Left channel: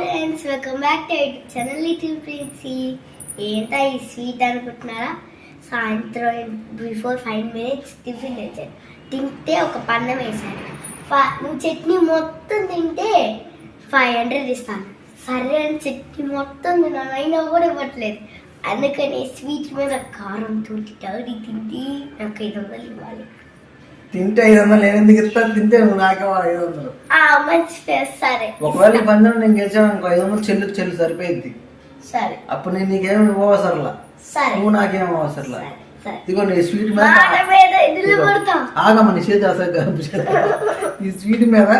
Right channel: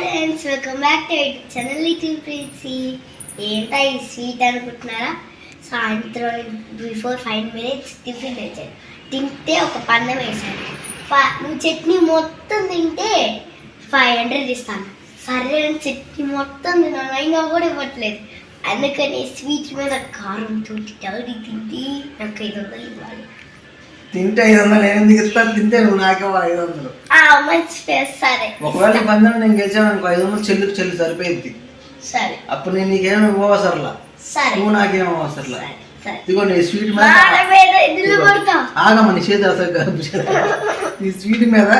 Friends, welcome back to YouTube channel Little Princy. ఏంటా ఈ sweet అనుకుంటున్నారా? సాయంత్రం బిఫోర్ 5 minutes టిఫిన్ వేసాడు. తింటే ఒక పన్నం వేశాడు. నువ్వు చట్నీ మొత్తం తింటే 500 ఇస్తాను. సరే అని చట్నీ మొత్తం తిన్నాను, అయినా కూడా ఇవ్వట్లేదు. అందుకని స్వీట్ మీద కారం తోటి తగిలి తింటే నాకు 500 ఇవ్వాలి. తింటే 500 నేను ఎందుకు ఇస్తాను? తింటే నువ్వు నాకే 500. మంచి సరే. ఒకవేళ ఈ పందెం నేను గెలిచాను అనుకో 500 చెల్లు సరిపోయింది. సరే, అప్పుడు నేను నీకేమి ఇవ్వవసరలా, నువ్వు నాకేం అవసరలా. ఇదిగో నీ స్వీట్ మీద ఆగమ్మ, నీ చేతి అసలు ఈ స్వీట్ మీద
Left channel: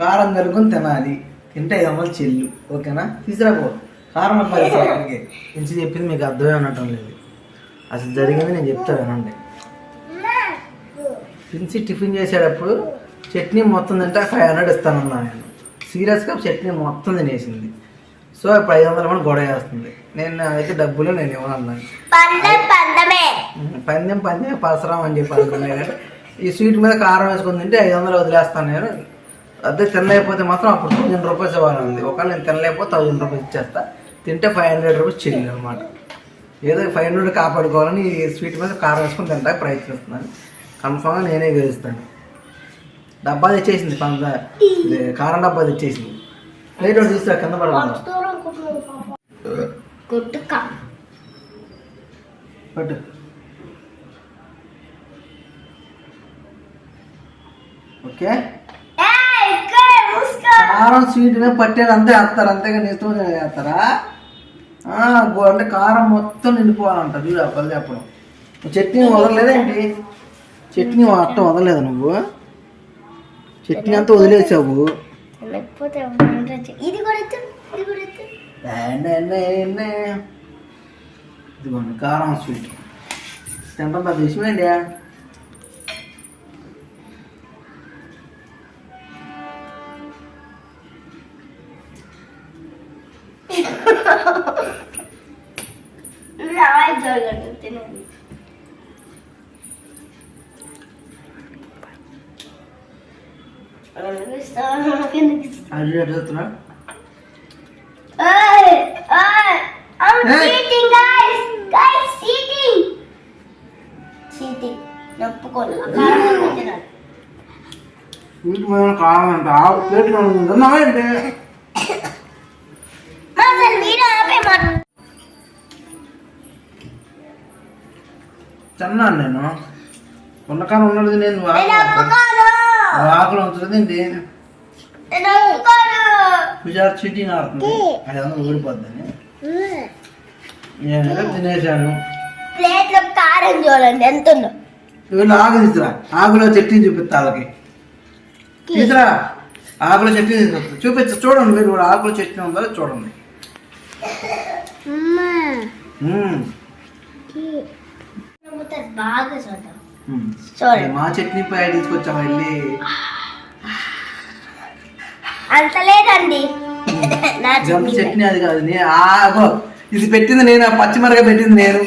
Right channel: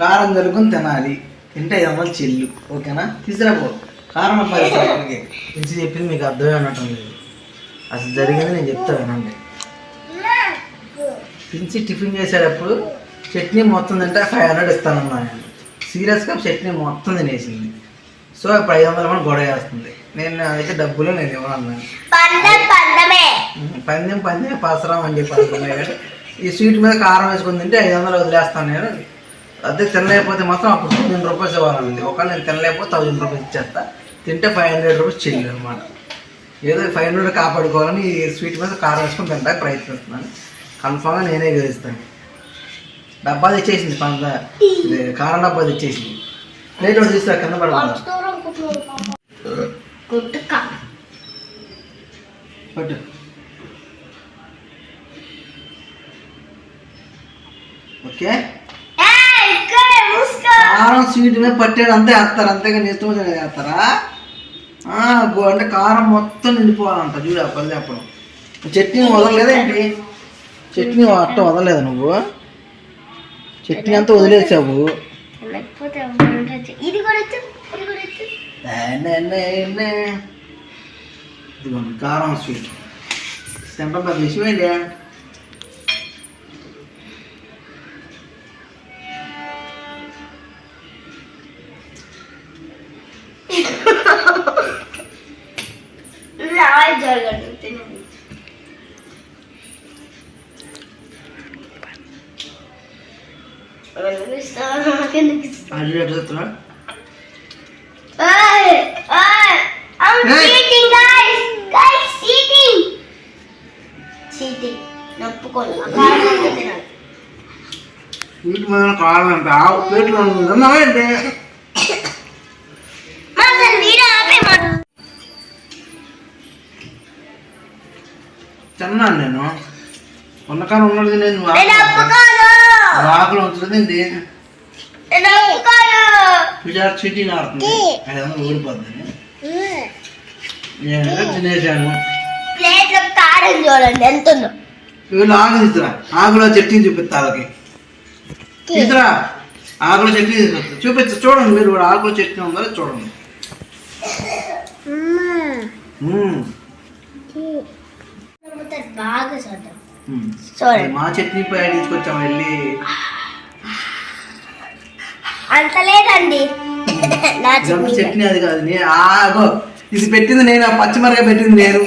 కారం కలుగుని తినాలి. తింటే 500 చెల్లు, ఓకేనా? తీసుకురాపో కారం. అబ్బాయి నుంచి చెప్పింది మీకు అర్థమే అన్నట్టు లేదు. అసలు జరిగింది నేను చెప్తానండి. పిలిచి టిఫిన్ చేసేటప్పుడు చట్నీ మొత్తం తింటే 500 ఇస్తానన్నాను నేను. సీరియస్గా చట్నీ మొత్తం తినేసింది. సో ఇప్పుడు 500 మనం గొడవ వేస్తుంది. నేను అయితే డబ్బులు నేను ఇవ్వనన్నాను. పందెం పసరం అని చెప్పి అనుకున్నాను. ఈ స్వీట్ మీద కారం వేసుకుని తింటే 500 వదిలేస్తాను నేను. అదే తినలేకపోతే మాత్రం అప్పుడు 1000 రూపాయలు ఇవ్వాలండి. ఒకవేళ నేను తినలేకపోతే 1000 రూపాయలు ఇచ్చేస్తా. తింటే 500 రూపీస్ చెల్లి అనమాట. ఏదో 500 కాపాడుకోవాలని ఈ స్వీట్ మీద కారం వేసుకుని తింటా ప్రయత్నిస్తున్నాను. కన్ఫామ్గా నేనే గెలుస్తాను. డబ్బా తెచ్చేసింది, కారం డబ్బా తెచ్చేసింది. ప్లేట్ ఒకటి తీసుకురా, కింద పడకుండా పట్టు. ఓకే, కారం స్వీట్ మీద పట్టేది అంతే వేస్తారు, అంతేగా ఇష్టం వేస్తారా? అంటే కారం మొత్తం నిండిపోవాలంట. చూడు ఆ పల్లె అప్పుడు చట్నీ వదలలేదేంటి? చట్నీ అట్ట వదలలేదు నువ్వు, చట్నీ అంతా వదిలేసావు. ఇదిగోండి కారం స్వీట్ తింటాం. పెద్ద విషయం ఏంటి? వీటి మీద కారం అంటే ప్లేట్లో తిన్నావేంటి? తిన్నాను నేను. ఉన్నకారం ఉన్నది నేను ఆకులు ఉంచుతుంది ఏంటి? చీటింగ్ ఆడుతుంది, 500 ఊడిపోద్దని నేను తినేసాను. చూడండి ఎంత ఉందో. వీళ్ళు ఆకు తీసుకురా, ఆకులో చట్నీ చూపిస్తా. వాళ్ళకి తీసుకురా, ఆకులో చట్నీ చూపిస్తా. చూడండి మీరు కూడా ఆకులో చట్నీ ఉందో చూడండి. బాగా చూడండి. మా చట్నీ పై తీసుకొచ్చాం వెళ్ళి. అంత లేదండి, చట్నీ అది కాదు. ఇది పెట్టింది నేను, పచ్చిమిరకాయ పెట్టింది నేను.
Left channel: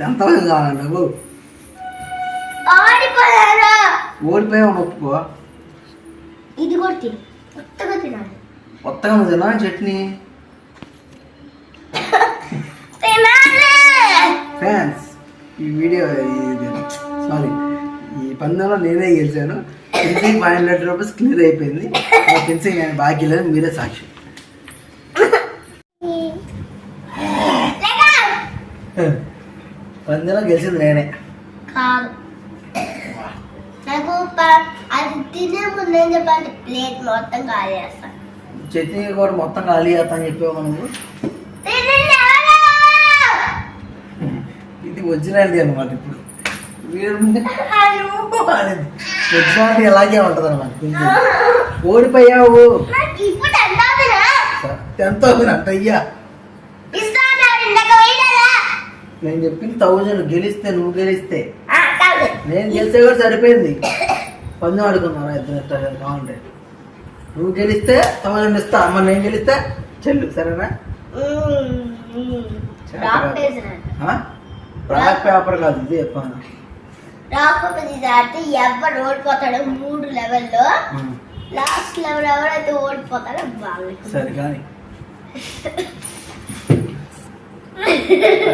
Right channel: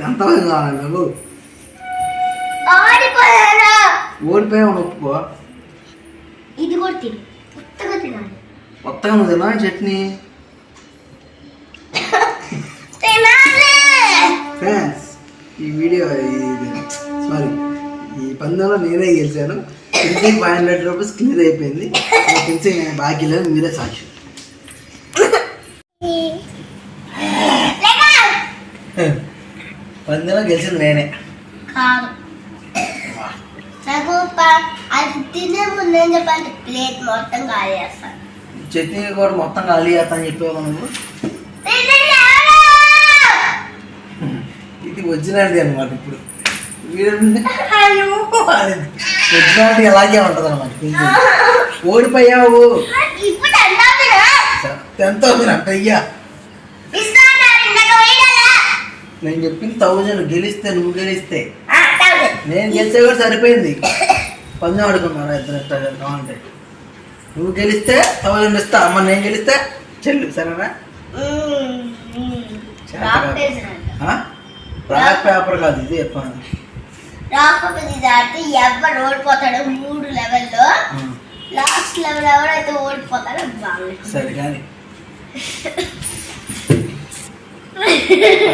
10,000 కావాలి నాకు. ఓడిపోయావు ఒప్పుకో. ఇది కూడా తిను, కొత్తగా తినాలి. కొత్తగా నువ్వు తినా చట్నీ? ఫ్రెండ్స్, ఈ వీడియో సారీ ఈ పందెంలో నేనే గెలిచాను. పెన్సింగ్ 500 రూపీస్ క్లియర్ అయిపోయింది. పెన్సింగ్ నేను బాకీ లేదు, మీరే సాక్షి. పందెంలో గెలిచింది నేనే. ప్లేట్ మొత్తం ఖాళీ చేస్తాను. చట్నీ కూడా మొత్తం ఖాళీ చేస్తాను చెప్పావు నువ్వు. ఇది ఒరిజినాలిటీ అనమాట. ఇప్పుడు ఒరిజినాలిటీ ఎలాగే ఉంటుంది అనమాట. ఓడిపోయావు. ఎంత అవుతుందంట? అయ్యా నేను చెప్పింది 1000 గెలిస్తే, నువ్వు గెలిస్తే. నేను గెలిస్తే కూడా సరిపోయింది. పందెం ఆడుకున్నాను ఇద్దరు కావాలంటే. నువ్వు గెలిస్తే 1000 ఇస్తా, అమ్మ నేను గెలిస్తే చెల్లు. సరేనా? బ్లాక్ పేపర్ కాదు ఇది. చెప్పాను రాక్ పేపర్ సీజర్ ఆడితే ఎవరు ఓడిపోతాడో 3 లెవెల్లో లాస్ట్ లెవెల్ ఎవరైతే ఓడిపోతాడో బాగా. సరే కానీ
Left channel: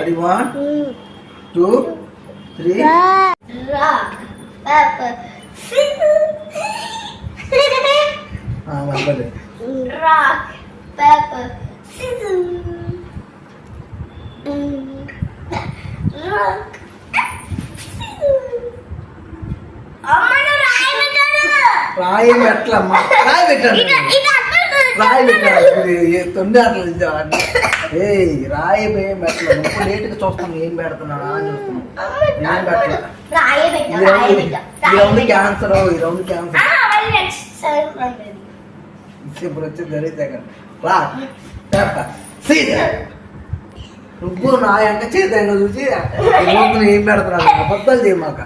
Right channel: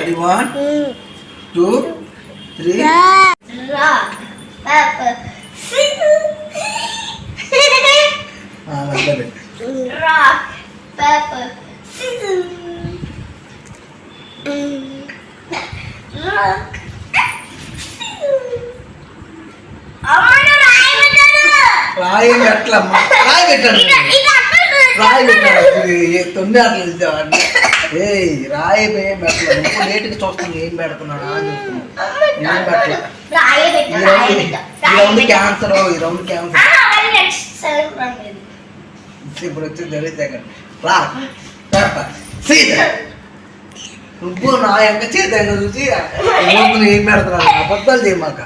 అది 1 2 3 రాక్ పేపర్ మధ్యలో రాక్ పేపర్ సీజర్ రాక్ రాయి పెట్టలమ్మా, రాయి పెట్టాను, రాయి పెట్టాడు తొండి అట్లా. ఏ రాయి ఏం పెట్టలేదు, నువ్వు లేట్గా చూస్తాను ఏం పెడుతున్నాడా అని చూస్తున్నాను. ఏం పెట్టలే. ఈ రౌండ్ క్యాన్సర్, ఈ రౌండ్ క్యాన్సర్. ఇప్పుడు వచ్చి తెలియతే రా నువ్వు నా యొక్క చేతంగా చూసి లోపల ఏం పెడుతున్నాడు. అబద్ధాలు చేయమాక,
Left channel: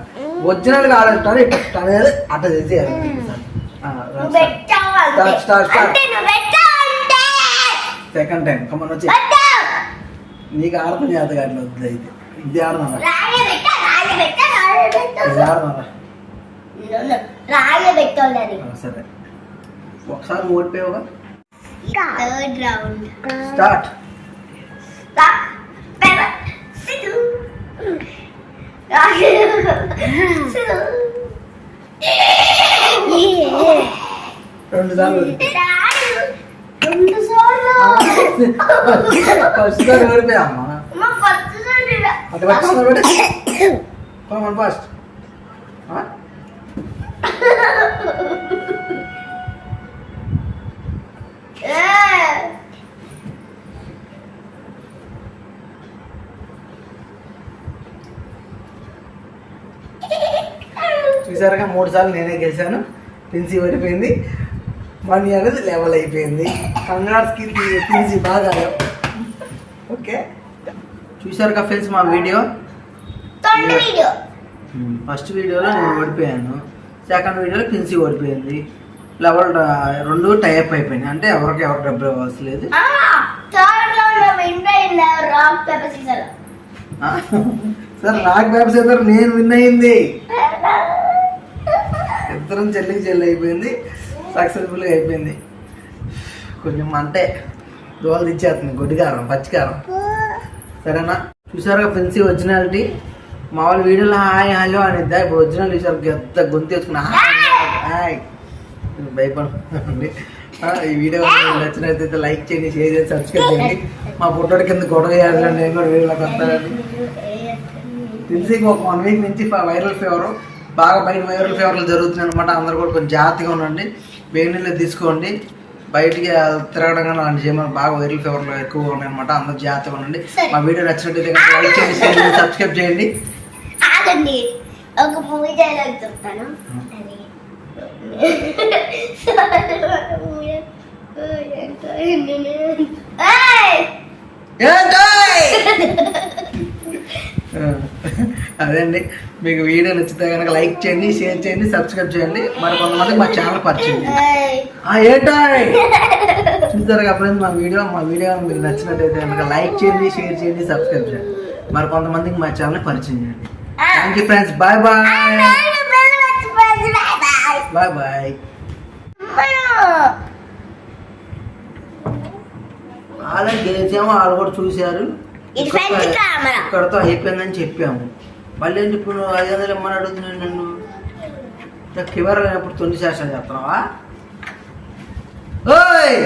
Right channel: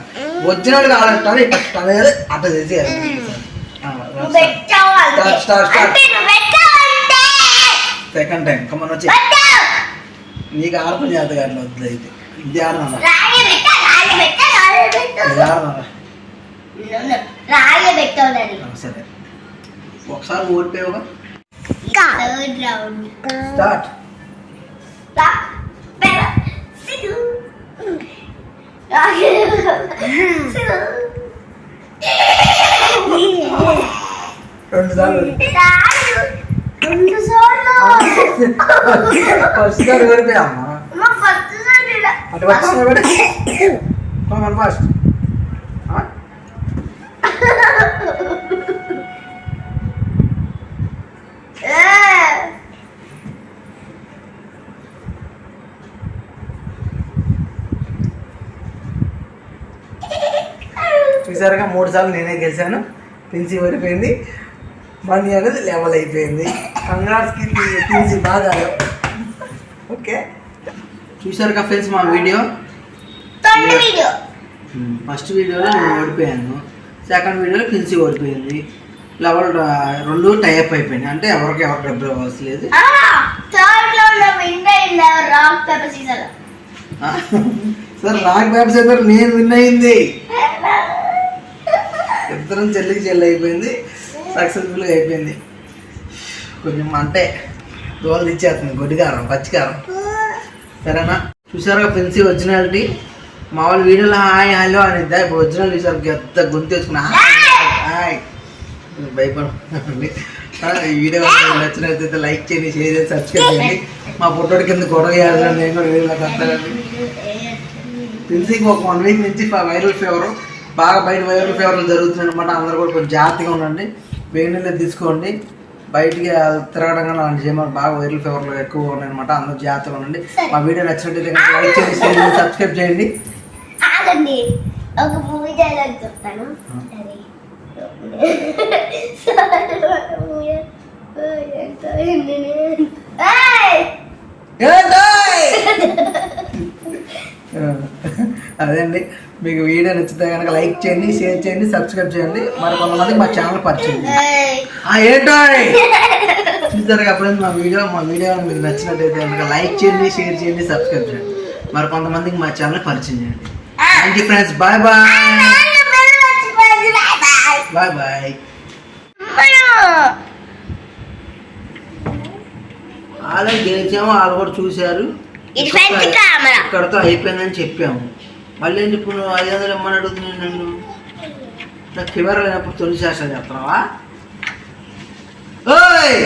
వచ్చినాడు కాదంటాను ఇట్లా అనేది అట్లా చేసేయాలి. సెకండ్ టైం కమ్మని వచ్చి నీకు ఆడపని చేత అట్లా వద్దు. అయితే ఇది ఆడనా సరే ఒకసారి ఓడిపోయావుగా. స్టార్ట్. రెండు సార్లు ఫస్ట్ సారి ఓడిపోయా అమ్మా. అటు పట్టుకోమని ఫస్ట్ చూసారుగా 3 సార్లు నేనే గెలిచాను. పిన్సీ ఓడిపోయింది, మనీ అనేది లెవెల్ అయిపోయింది. కంగ్రాట్స్కి పిన్సీ బాగా. ఓకే చూసారుగా ఫ్రెండ్స్ మా వీడియో. ఫస్ట్ వీడియోలో నేను ఓడిపోయాను, సెకండ్ వీడియోలో పిన్సీ ఓడిపోయింది. లెవెల్ 2 టైప్ అయిపోయింది, అంటే ఎవరికి ఎవరు డబ్బులు ఇవ్వాల్సలేదు. సార్ రాక్ పేపర్ సీజర్ నేను విన్ అయింది. ఇద్దరం చెల్లికి చెల్లి అయిపోయింది, సక్సెస్ఫుల్గా అయిపోయింది. కొంచెం అంటే దోలు ఇచ్చేస్తుంది గొడ్డికారం పచ్చికారం. సరేనా చూసారుగా పిన్సీ ఒరిజినాలిటీ. మామూలు వీడియోలో హాయ్ హలో అనేది, ఇప్పుడు ఒరిజినల్ చూసారు పెద్ద గొంతు వేసుకున్నా హాయ్ భయపడండి. ఈ వీడియో నచ్చినట్లయితే లైక్ చేయండి, షేర్ చేసి సబ్స్క్రైబ్ చేయండి. మా పుట్టోడి కింద గొడవ చేయాలని నేను కూడా వీడియోలోకి వస్తానండి. పిన్సీకి ఒక 1 వీక్ నుంచి వైరల్ ఫీవర్ బాగా, బయట వైరల్ ఫీవర్లు జరుగుతున్నాయి అనమాట. అందరూ కూడా కొంచెం జాగ్రత్తగా ఉండండి, వేడి నీళ్ళు తీసుకోండి, బయటికి తిరగడం కానీ అలాంటి చేయమని. బాగా వైరల్ ఫీవర్లు ఎక్కువగా ఉన్నాయి అనమాట, అందరూ జాగ్రత్తగా ఉండండి. మా వీడియో నచ్చినట్టయితే లైక్ చేయండి, షేర్ చేయండి, సబ్స్క్రైబ్ చేయండి. ఒక మూవీ డైలాగ్ చెప్తాను. అదే అండి, మీకు వీడియో నచ్చితే కనుక లైక్ చేయండి, షేర్ చేయండి, సబ్స్క్రైబ్ చేయండి. మరి కొంతమందికి మా ఛానల్ పరిచయం ఏంటాయ్ చూస్తారు కాబట్టి మా వీడియో మీకు నచ్చినట్టయితే కనుక లైక్ చేయండి, షేర్ చేయండి, సబ్స్క్రైబ్ చేయండి. మరి కొంతమందికి మా ఛానల్ పరిచయం చేయండి. Thank you friends, bye bye bye bye. వాళ్ళు గెలిచాము, వాళ్ళు కూడా చూశారు. ఇక్కడతో అయిపోయిందని చెప్పాము. మళ్ళీ ఇప్పుడు నువ్వు 500 ఇమ్మని అడుగుతున్నాను నన్ను. నాకు ఫీవర్ అయినప్పుడు తొలి శాస్త్రం చెప్తున్నావా? ఓయ్